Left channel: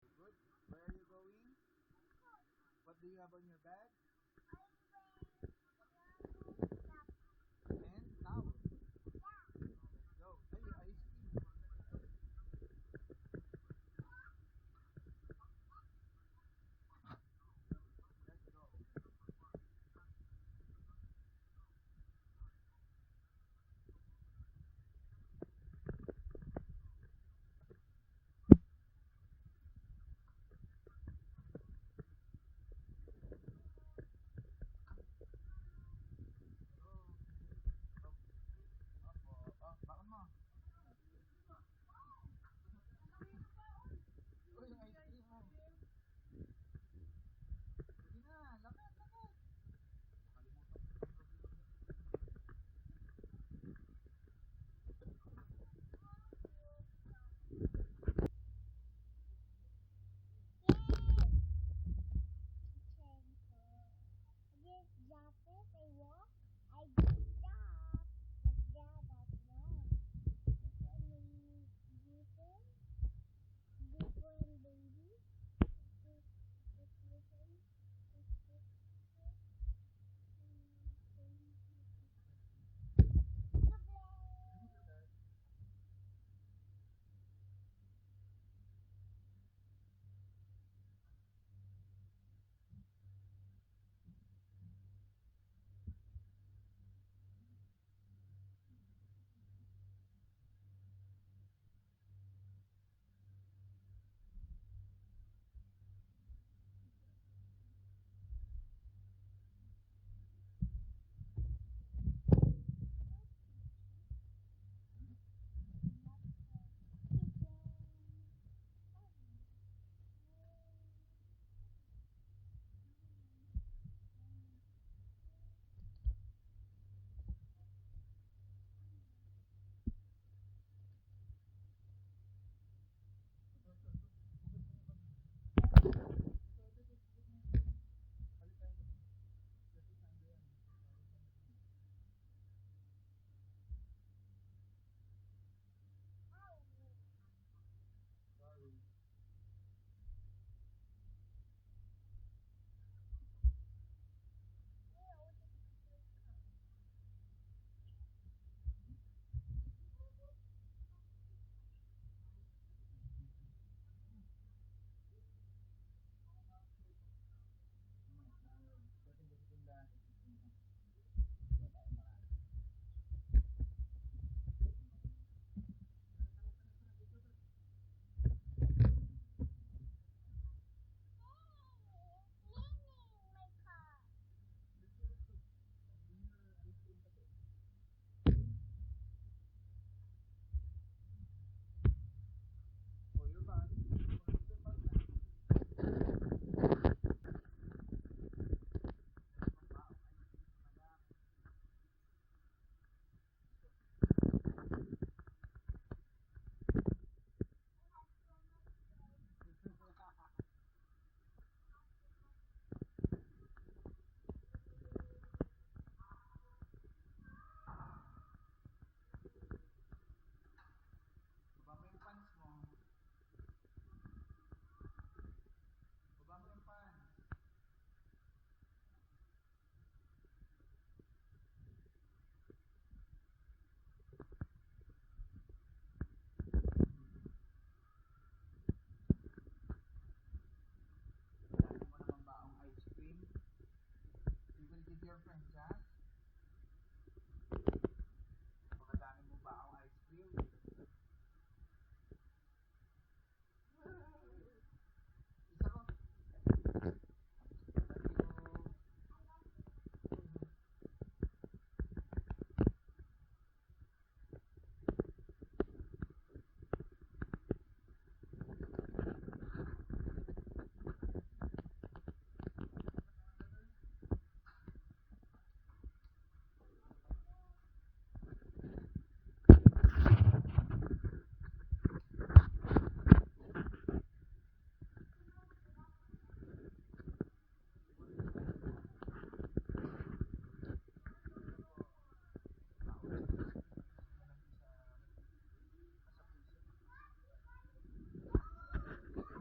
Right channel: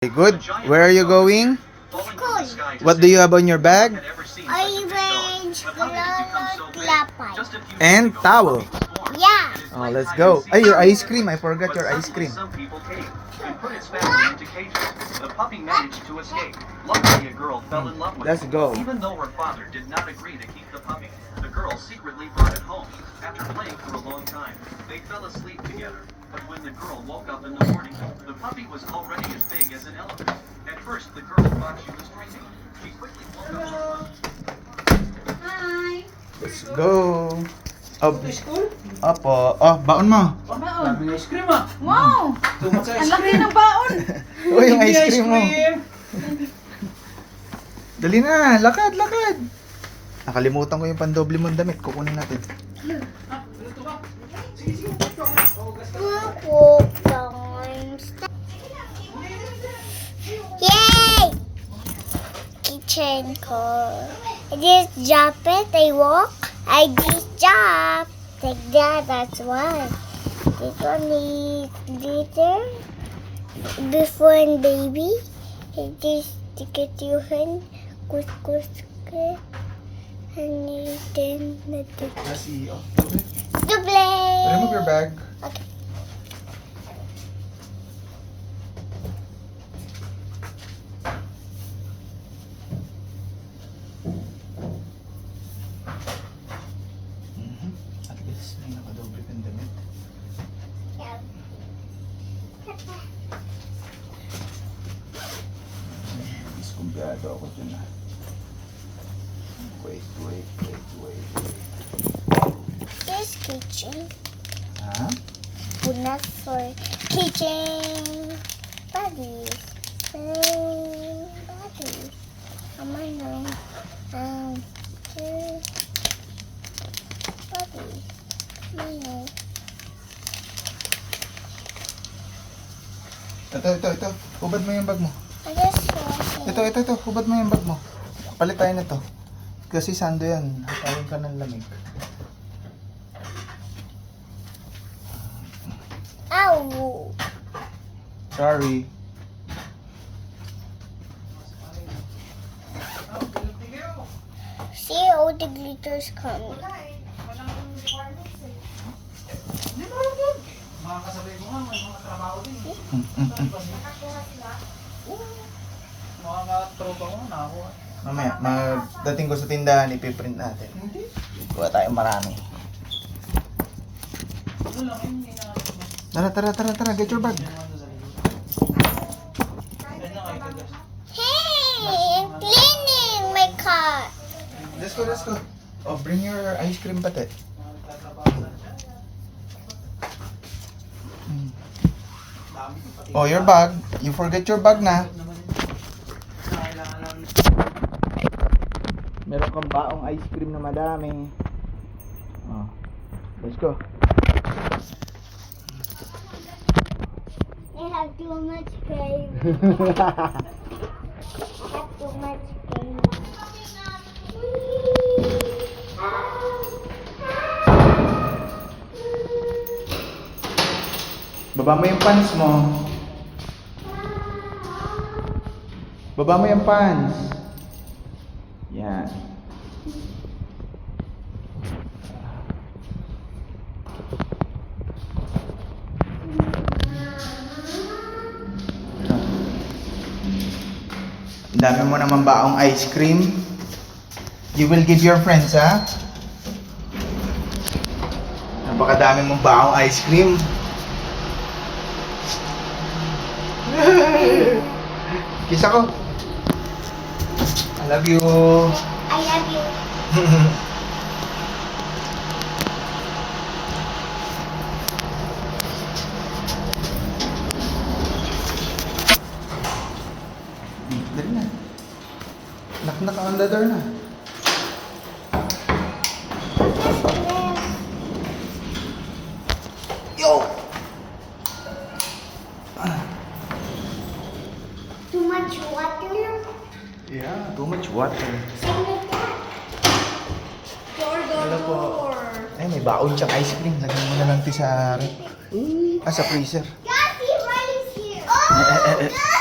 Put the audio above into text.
Okay, good. Where are you going? School. What do you have on your bag? Orange, color, klapay. And towel. Yeah. Oh, let's go. Ay, your ice cream. I forgot your ice cream. Let's go. Even though her father did not agree to keep the puppy, the girl secretly brought it home. After playing for a long time, they fell asleep together. But when the girl woke up in the morning, the puppy was already as big as an elephant. At first, the girl thought she was dreaming. She quickly woke up. Hi. Let's go. Oh, Ito school? opo. Oh, baon mo. Baon. Daming ice cream ah. Wow! Too much ice Ang laki cream. ng baon! Oh, yung Hindi ice cream mo. Dali na, lakad, lakad. Nakalimutan ko yung pandoble mong damit. Kukunin natin. Ah, luto ka. Sige, sige. Opo, times. Yay! Kitchen car. I just drop it, I walk, I just jump. Like that, that's why. This one is glitter. Before and baby. I just stick it to your hand. Kus, kus, kus. And then the Kasi, oh. play. Remove your bag. Okay. At least, may nakadoble kang damit. Diskumpiyado ako dyan ah. Wait. This kitchen. Ha? Not for kitchen buddies. Buddies. Ano? Two buddies. Ano? Ito. Hubad mo yung bag mo. I just saw it. Ito. Hubad mo yung bag mo. Palit tayo na to. Kasi sando yan. Hatawin ka ng lamig. Ow! Sorry. See, all the glitters coming. Mga kasabay mo nga, may mga trabaho din. Mga katropa mo, nakakuha. Mamaya, magdating ko sa tindahan, ipiprint natin. Kuha tayo marami. Ano lang yun, hindi na Tara, get your bag. Yan na kayo guys. Hey, I'm cleaning my car. Let's go. Oh, bring your ice cream pati. Oh, your bag. You forget your bag na. Meron kang baong ice cream na madami. Oh, let's go. I have too much cream. Have too much cream. Baba mo yung pants mo. Baba mo yung pants. Yan. Ang dami mo naman baong ice cream. You will give your friends, ha? Napakadami mong baong ice cream. Kiss ako. I love you. I love you. Dali na. Knock on the door na. Yo! Too much water lang. Yeah, too much water. Same like that. Hello po. Ay, may baon siyang ice cream. Lagyan mo na lang ti sa rep. Sa freezer. Daddy, right here. Oh,